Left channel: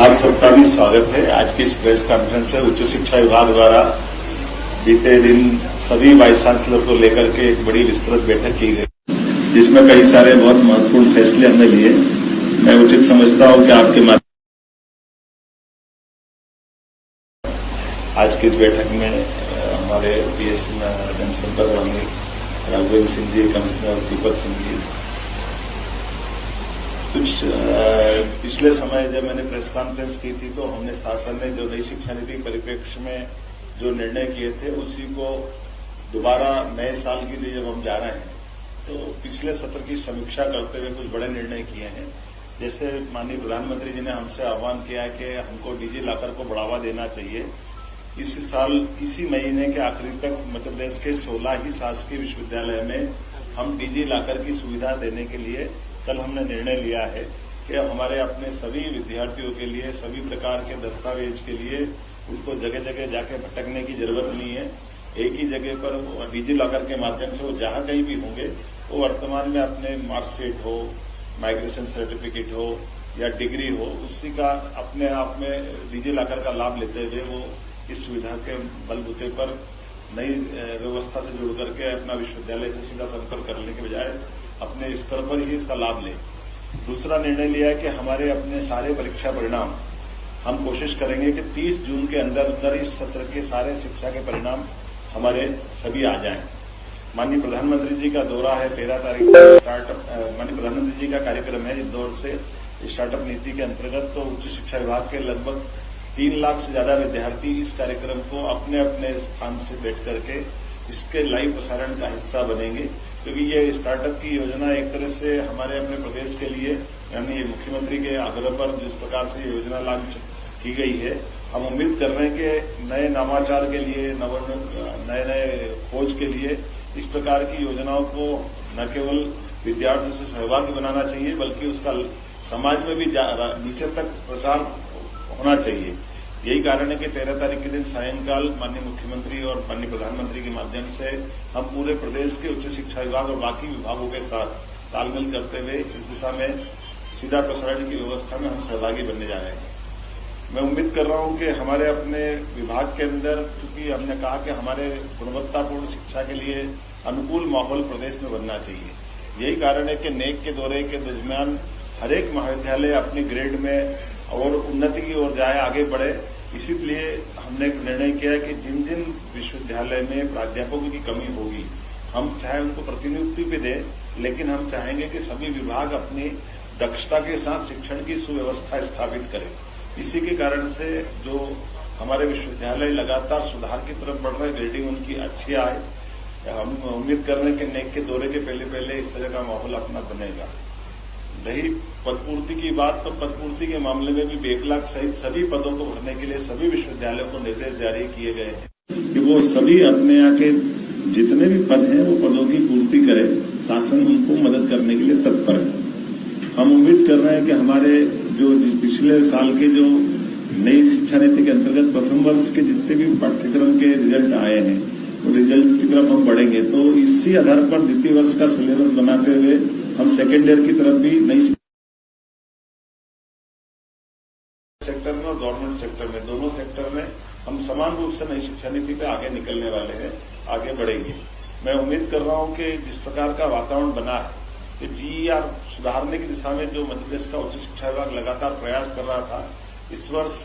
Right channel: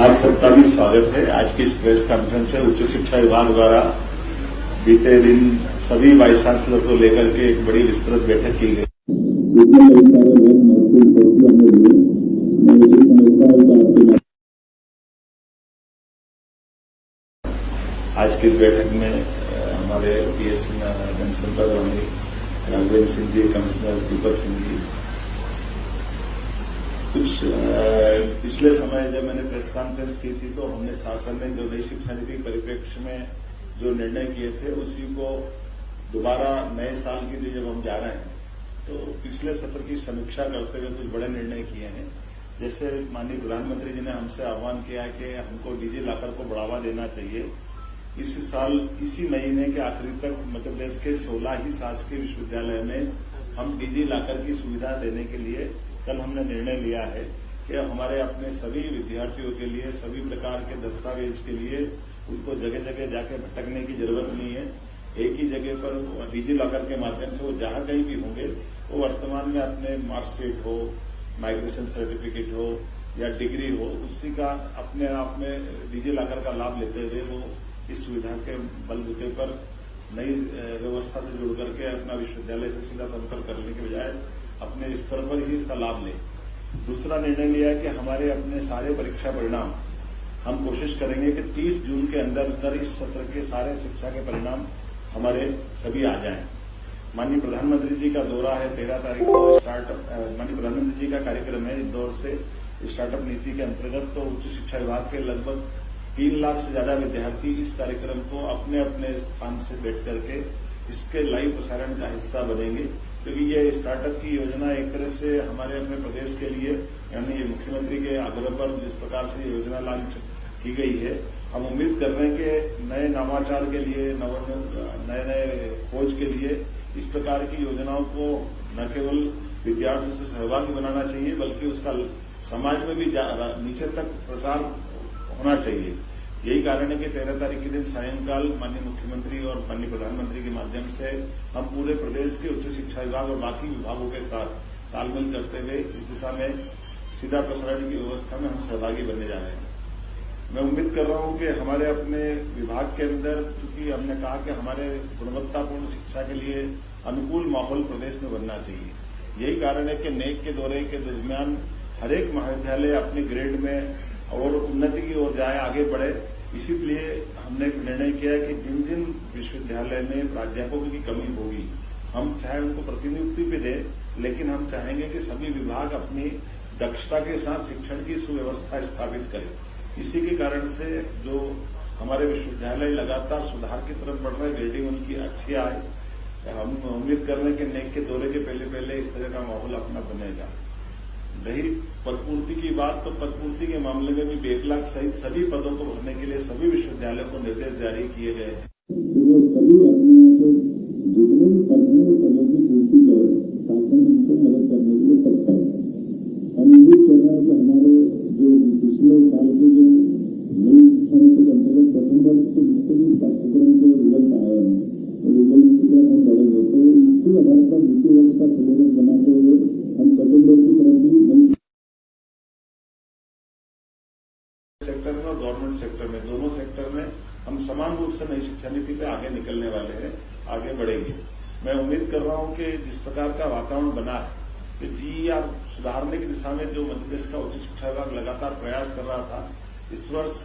आप सबका भी स्वागत है। आज की इस प्रेस कॉन्फ्रेंस में उच्च शिक्षा विभाग द्वारा बीते दिन सभी वाइस चांसलर को लेकर के एक बड़ी विस्तृत बैठक की गई, जिसमें कई सारे बहुत महत्वपूर्ण फैसले हमने लिए। मैं उचित समझता हूं कि आपके माध्यम आज की इस बैठक में हमारे पीएस जनसंपर्क मंत्री राघवेंद्र सिंह जी, कमिश्नर दीपक सिंह जी, कुछ पिछले समय जब मैंने प्रेस कॉन्फ्रेंस की थी तो हमने शासन ने जो नई शिक्षा नीति परिप्रेक्ष्य में जो निर्णय किए थे उसी को दोबारा नए साल के लिए जब हम जा रहे हैं तो पिछले सत्र की समीक्षा करते हुए कुछ बड़े निर्णय किए हैं। जैसे माननीय प्रधानमंत्री जी ने हमसे आह्वान किया कि हमको डिजी लॉकर को बढ़ावा देना चाहिए। इसी साल इसी महीने के आखिरी तक मध्य प्रदेश के 16 ही शासकीय विश्वविद्यालय में हम डिजी लॉकर की सुविधा देने के लिए कल हमने निर्णय लिया है कि हमारे अपने सभी विद्यार्थियों के लिए सभी प्रकार के दस्तावेज के लिए उनको जगह जगह जाके भटकने की जरूरत नहीं है। एक ही जगह पर डिजी लॉकर के माध्यम से वो जहां कहीं भी होंगे वो वर्तमान में अपने मार्कशीट हो, माइग्रेशन सर्टिफिकेट हो या डिग्री हो, उसी का अपने आप में डिजी लॉकर का लाभ लेते हुए वो इस सुविधा के बलबूते पर नई व्यवस्था से जुड़ करके अपना विश्वविद्यालय से सीधा संपर्क करने के बजाय अपने स्तर पर ही इसका लाभ लें। दूसरा निर्णय लिया है कि हमारे अपने सारे परीक्षा परिणाम हम कोशिश करेंगे कि 30 जून के अंदर इस सत्र के सारे शिक्षा के परिणाम हमारे सभी आ जाएं। माननीय प्रधानमंत्री जी का दौरा है 13 तारीख को स्टार्टअप, माननीय प्रधानमंत्री जी का कार्यक्रम है इंदौर से स्टार्टअप नीति के अंतर्गत। तो उच्च शिक्षा विभाग के लगभग 3 लाख से ज्यादा विद्यार्थी इस कार्यक्रम को अपने अपने स्थान से बैठ करके इसके लाइव प्रसारण का हिस्सा बनेंगे, क्योंकि ये स्टार्टअप की योजना एक तरह से हमारे अपने प्रदेश के लिए यानी मुख्यमंत्री के आग्रह पर जिस प्रकार से योजना लॉन्च की गई है, हम उम्मीद कर रहे हैं कि नए नवाचार के लिए, नए नए खोज के लिए इस प्रकार की योजनाओं को न केवल विद्यार्थियों से सहभागी बनाना चाहिए बल्कि उसका समाज में भी नीचे तक प्रसार होना चाहिए। यही कारण है कि 13 तारीख के दिन सायंकाल माननीय मुख्यमंत्री और माननीय प्रधानमंत्री के माध्यम से हम पूरे प्रदेश के उच्च शिक्षा विभाग और बाकी विभागों के साथ तालमेल करते हुए इस दिशा में सीधा प्रसारण की व्यवस्था में हम सहभागी बनने जा रहे हैं। मैं उम्मीद कर रहा हूं कि हमारे अपने विभाग के अंदर, क्योंकि हमने कहा कि हमारे गुणवत्तापूर्ण शिक्षा के लिए अनुकूल माहौल प्रदेश में बनना चाहिए। यही कारण है कि नेक के दौरे के दरमियान हर एक महाविद्यालय अपनी ग्रेड में और उन्नति की ओर जाए, आगे बढ़े। इसीलिए हमने एक निर्णय किया है कि जिन जिन विश्वविद्यालय में प्राध्यापकों की कमी होगी हम चाहे उनको प्रतिनियुक्ति भी दें, लेकिन हम चाहेंगे कि सभी विभाग अपनी दक्षता के साथ शिक्षण की सुव्यवस्था स्थापित करें। इसी के कारण से जो हमारे विश्वविद्यालय लगातार सुधार की तरफ बढ़ रहे, ग्रेडिंग उनकी अच्छी आए। हम उम्मीद कर रहे हैं कि नेक के दौरे के पहले इस तरह का माहौल अपना बनेगा। रही पदपूर्ति की बात, तो पदपूर्ति के मामले में भी बैकलॉग सहित सभी पदों को भरने के लिए सभी विश्वविद्यालयों को निर्देश जारी किए गए हैं कि वो सभी अपने यहाँ के जितने भी पद हैं वो पदों की पूर्ति करें। शासन उनको मदद करने के लिए तत्पर है। हम उम्मीद कर रहे हैं कि हमारे जो पिछले साल के जो नई शिक्षा नीति के अंतर्गत प्रथम वर्ष के जितने भी पाठ्यक्रम के रिजल्ट आए हैं वो रिजल्ट की तरफ हम बढ़ेंगे, तो इसी आधार पर द्वितीय वर्ष का सिलेबस बनाते हुए हम सेकेंड ईयर की तरफ भी नई सेक्टर में और गवर्नमेंट सेक्टर में, दोनों सेक्टर में हम समान रूप से नई शिक्षा नीति पे आगे निकलने वाले हैं, आगे बढ़ेंगे। मैं उम्मीद कर रहा हूं कि जिस प्रकार का वातावरण बना है कि जीईआर सुधारने की दिशा में जो मध्य प्रदेश का उच्च शिक्षा विभाग लगातार प्रयास कर रहा था, इस वर्ष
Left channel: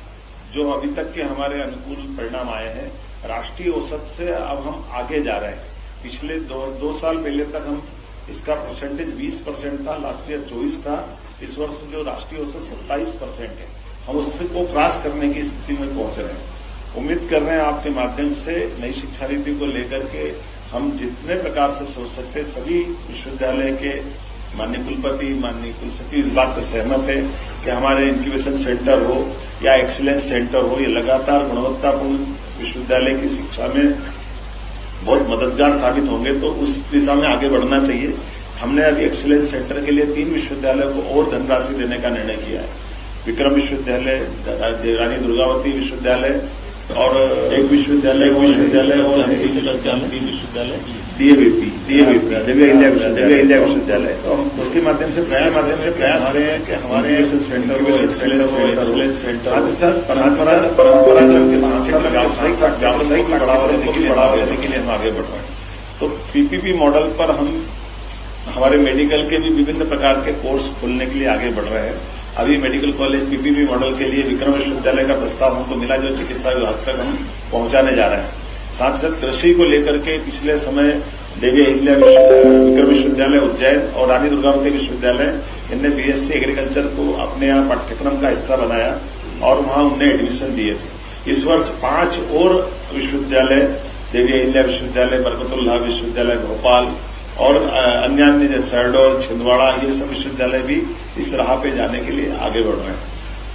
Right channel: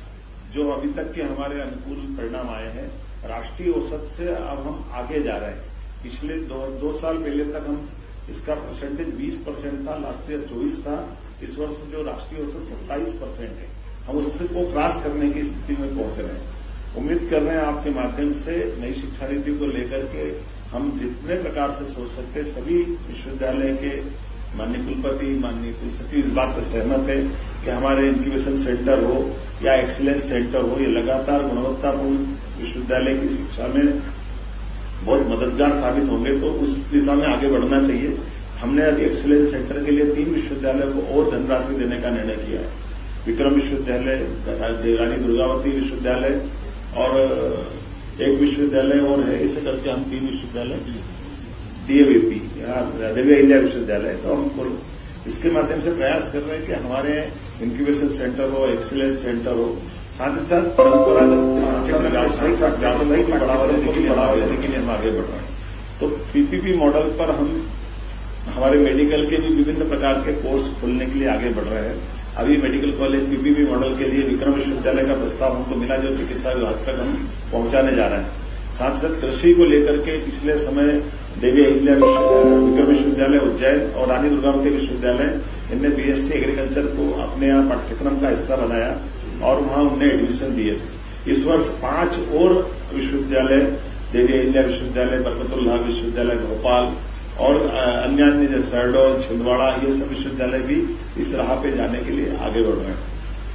जो अभी तक के हमारे अनुकूल परिणाम आए हैं, राष्ट्रीय औसत से अब हम आगे जा रहे हैं। पिछले दो साल पहले तक हम इसका परसेंटेज 20% था, लास्ट ईयर 24 था। इस वर्ष जो राष्ट्रीय औसत 27% है, हम उससे को क्रॉस करने की स्थिति में पहुंच रहे हैं। उम्मीद कर रहे हैं आपके माध्यम से नई शिक्षा नीति को लेकर के हम जितने प्रकार से सोच सकते सभी विश्वविद्यालय के माननीय कुलपति, माननीय कुलसचिव इस बात पर सहमत है कि हमारे इंक्यूबेशन सेंटर हो या एक्सीलेंस सेंटर हो, ये लगातार गुणवत्तापूर्ण विश्वविद्यालय की शिक्षा में बहुत मददगार साबित होंगे। तो उस दिशा में आगे बढ़ना चाहिए। हमने अभी एक्सीलेंस सेंटर के लिए 3 विश्वविद्यालयों को और धनराशि देने का निर्णय किया है। विक्रम विश्वविद्यालय, रानी दुर्गावती विश्वविद्यालय और एक विश्वविद्यालय और हम इसे करके हम 3 विश्वविद्यालय डीएवीपी दिव्य इंडिया विश्वविद्यालय। तो हम इसके माध्यम से प्रयास रहे हैं कि हमारे एक्सीलेंस सेंटर साथ ही साथ परंपरागत के साथ व्यावसायिक बढ़ावा देने के लिए हम आगे बढ़ रहे हैं। तो पीपीपी मॉडल पर हम हमारे मेडिकल के भी विभिन्न प्रकार के कोर्स खोलने के लिए आगे बढ़ रहे हैं। अभी मेडिकल कॉलेज पीपीपी मॉडल के लिए विक्रम विश्वविद्यालय का प्रस्ताव हमको मिला, जो चिकित्सा विभाग तक हम पहुंचाने जा रहे हैं। साथ साथ कृषि को लेकर के पिछले समय देवी अहिल्या विक्रम विश्वविद्यालय उज्जैन और रानी दुर्गावती विश्वविद्यालय इनने बीएससी एग्रीकल्चर को अपने यहाँ पाठ्यक्रम का हिस्सा बनाया और वहां उन्हें एडमिशन दिए थे। इस वर्ष 5 और विश्वविद्यालय देवी अहिल्या विश्वविद्यालय, बरकतुल्लाह विश्वविद्यालय भोपाल और अन्य जैसे शहडोल, छिंदवाड़ा, ये सब विश्वविद्यालय भी इस राह पे जाने के लिए आगे बढ़ रहे हैं।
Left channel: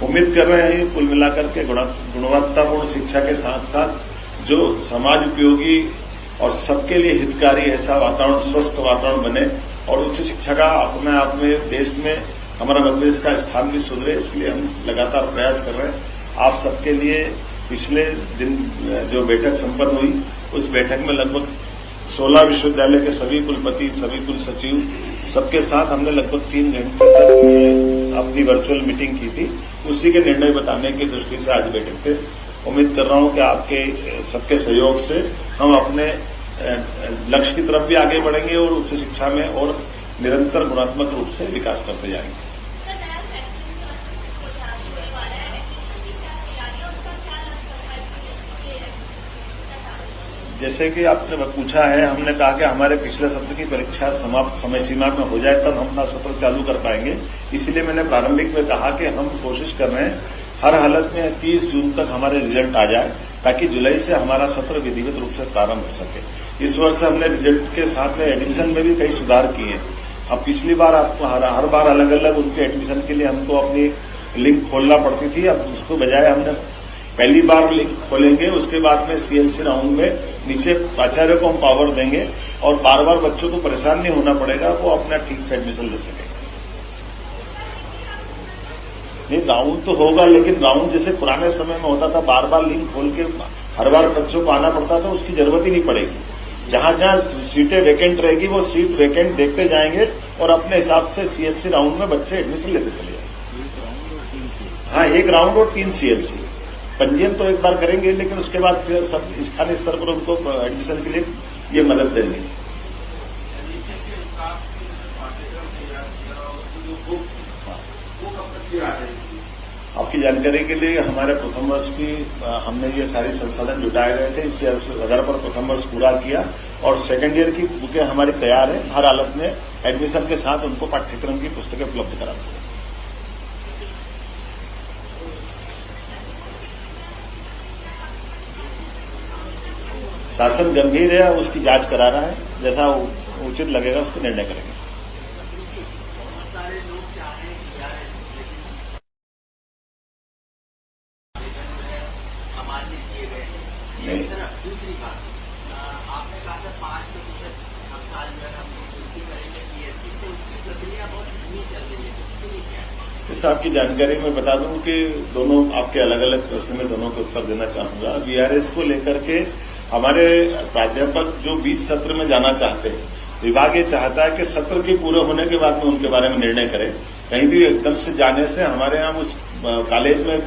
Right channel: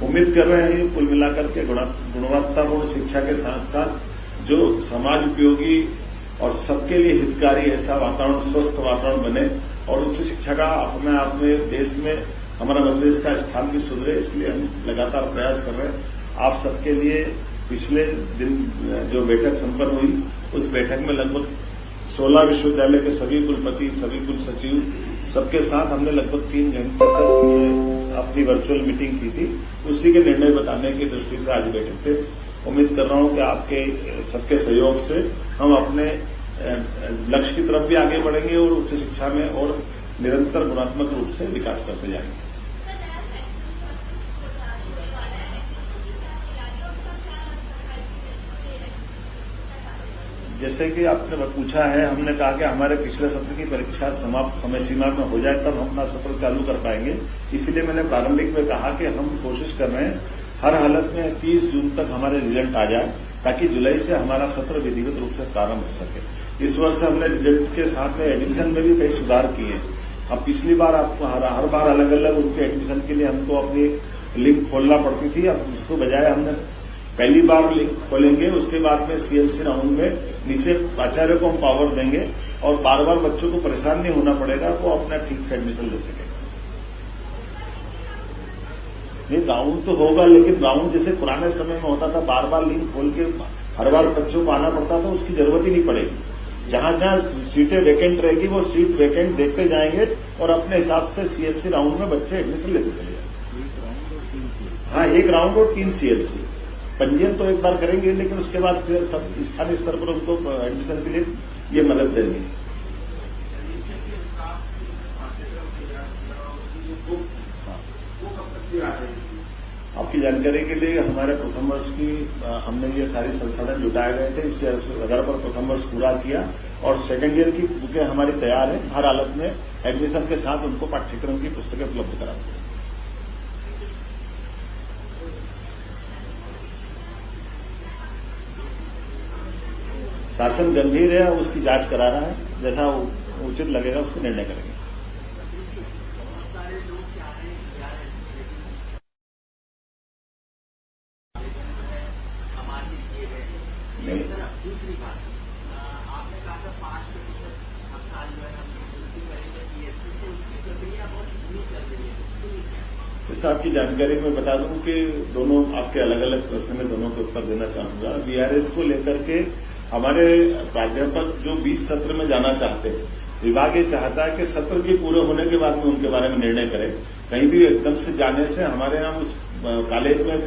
उम्मीद कर रहे हैं कुल मिलाकर के गुणवत्तापूर्ण शिक्षा के साथ साथ जो समाज उपयोगी और सबके लिए हितकारी ऐसा वातावरण, स्वस्थ वातावरण बने और उच्च शिक्षा का अपने आप में देश में हमारा मध्य प्रदेश का स्थान भी सुधरे, इसलिए हम लगातार प्रयास कर रहे हैं। आप सबके लिए पिछले दिन जो बैठक संपन्न हुई, उस बैठक में लगभग 16 विश्वविद्यालय के सभी कुलपति, सभी कुल सचिव, सबके साथ हमने लगभग 3 घंटे तक अपनी वर्चुअल मीटिंग की थी। उसी के निर्णय बताने की दृष्टि से आज बैठक थे। उम्मीद कर रहा हूं कि आपके सबके सहयोग से हम अपने लक्ष्य की तरफ भी आगे बढ़ेंगे और उच्च शिक्षा में और निरंतर गुणात्मक रूप से विकास करते जाएंगे। जैसे कि आपने पूछा है, हमने कहा कि हमारे पिछले सत्र की परीक्षा समाप्त समय सीमा में हो जाए तब हम अपना सत्र चालू कर पाएंगे। इसीलिए मैंने प्रारंभिक में कहा कि हम कोशिश कर रहे हैं हर हालत में 30 जून तक हमारे रिजल्ट आ जाए, ताकि जुलाई से हमारा सत्र विधिवत रूप से प्रारंभ हो सके। इस वर्ष हमने रिजल्ट के साथ में एडमिशन में भी कई सुधार किए। अब पिछली बार आपको हर बार अलग अलग उनके एडमिशन के लिए हमको अपनी लिंक खोलना पड़ती थी। अब उसको बजाय हमने पहली बार लिंक खोलेंगे, उसके बाद में सीएलसी राउंड में नीचे आचार्य को हम पावर देंगे और बार बार बच्चों को परेशान नहीं होना पड़ेगा, वो अपना ठीक से एडमिशन ले सकेंगे। नहीं, राउंड तो होगा, लेकिन राउंड जैसे पुराने समय में होता था, बार बार लिंक खोल के हर बार बच्चों को आना पड़ता था, उसकी जरूरत ही नहीं पड़ेगी। जहां जहां सीटें वैकेंट रहेगी वो सीट वैकेंट देखते जाएंगे और अपने हिसाब से सीएलसी राउंड में बच्चे एडमिशन लेते चले जाएंगे। हाँ, 1 राउंड और 3 सीएलसी पंजीयन तो एक बार करेंगे, लेकिन उसके बाद फिर सब स्थानीय स्तर पर उनको एडमिशन के लिए ये मदद देंगे। आपकी जानकारी के लिए हमारे प्रथम वर्ष की हमने ये सारे संसाधन जुटाए गए थे, इससे आधार पर प्रथम वर्ष पूरा किया और सेकेंड ईयर की बुकें हमारी तैयार है। हर हालत में एडमिशन के साथ उनको पाठ्यक्रम की पुस्तकें उपलब्ध कराते हैं। शासन गंभीर है, उसकी जांच करा रहा है, जैसा उचित लगेगा उसको निर्णय करेंगे। इस आपकी जानकारी में बता दूं कि दोनों आपके अलग अलग प्रश्न में दोनों को उत्तर देना चाहूंगा। वीआरएस को लेकर के हमारे प्राध्यापक जो 20 सत्र में जाना चाहते हैं, विभाग ये चाहता है कि सत्र के पूरे होने के बाद में उनके बारे में निर्णय करें। कहीं भी एकदम से जाने से हमारे यहाँ उस कॉलेज में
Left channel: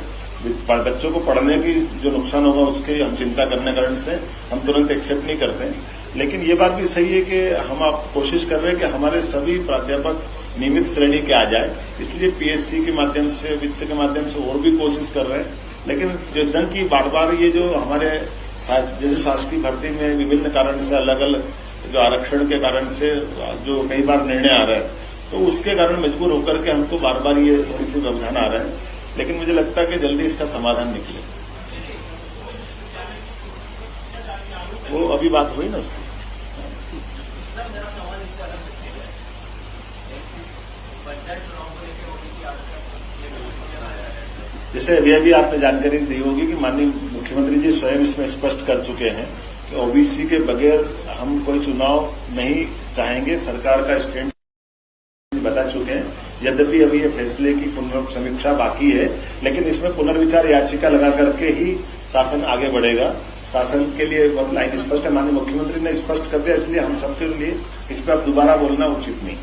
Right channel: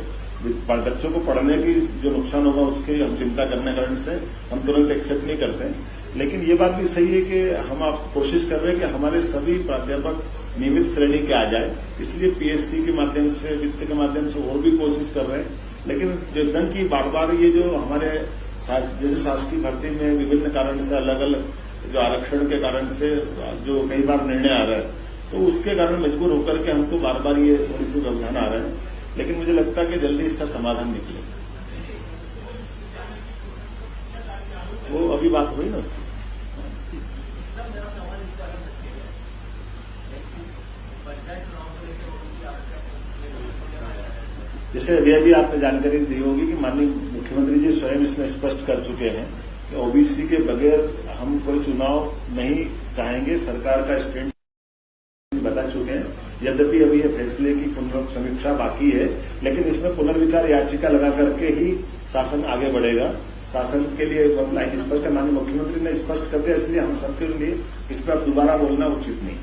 बच्चों को पढ़ने की जो नुकसान होगा उसकी हम चिंता करने कारण से हम तुरंत एक्सेप्ट नहीं करते। लेकिन ये बात भी सही है कि हम आप कोशिश कर रहे हैं कि हमारे सभी प्राध्यापक नियमित श्रेणी के आ जाए, इसलिए पीएससी के माध्यम से, वित्त के माध्यम से और भी कोशिश कर रहे हैं। लेकिन जो जन की बार बार ये जो हमारे जैसे शासकीय भर्ती में विभिन्न कारण से अलग अलग जो आरक्षण के कारण से जो कई बार निर्णय आ रहे हैं, तो उसके कारण मजबूर होकर के हमको बार बार ये थोड़ी सी व्यवधान आ रहे हैं। लेकिन मुझे लगता है कि जल्दी इसका समाधान निकले। वो अभी बात हुई ना उसकी। जैसे अभी आपने जानकारी दी होगी कि माननीय मुख्यमंत्री जी स्वयं इसमें स्पष्ट कर चुके हैं कि ओबीसी के बगैर हम कोई चुनाव नहीं चाहेंगे। सरकार का स्टैंड बता जा चुके हैं। यद्यपि अभी ये फैसले की पुनर्समीक्षा बाकी है, लेकिन इसमें पुनर्विचार याचिका लगा करके ही शासन आगे बढ़ेगा। शासन के लिए बहुत लाइन स्पष्ट है, माननीय मुख्यमंत्री ने स्पष्ट कर दिया, इसलिए हम सबके लिए इस पर दोबारा बोलना उचित नहीं।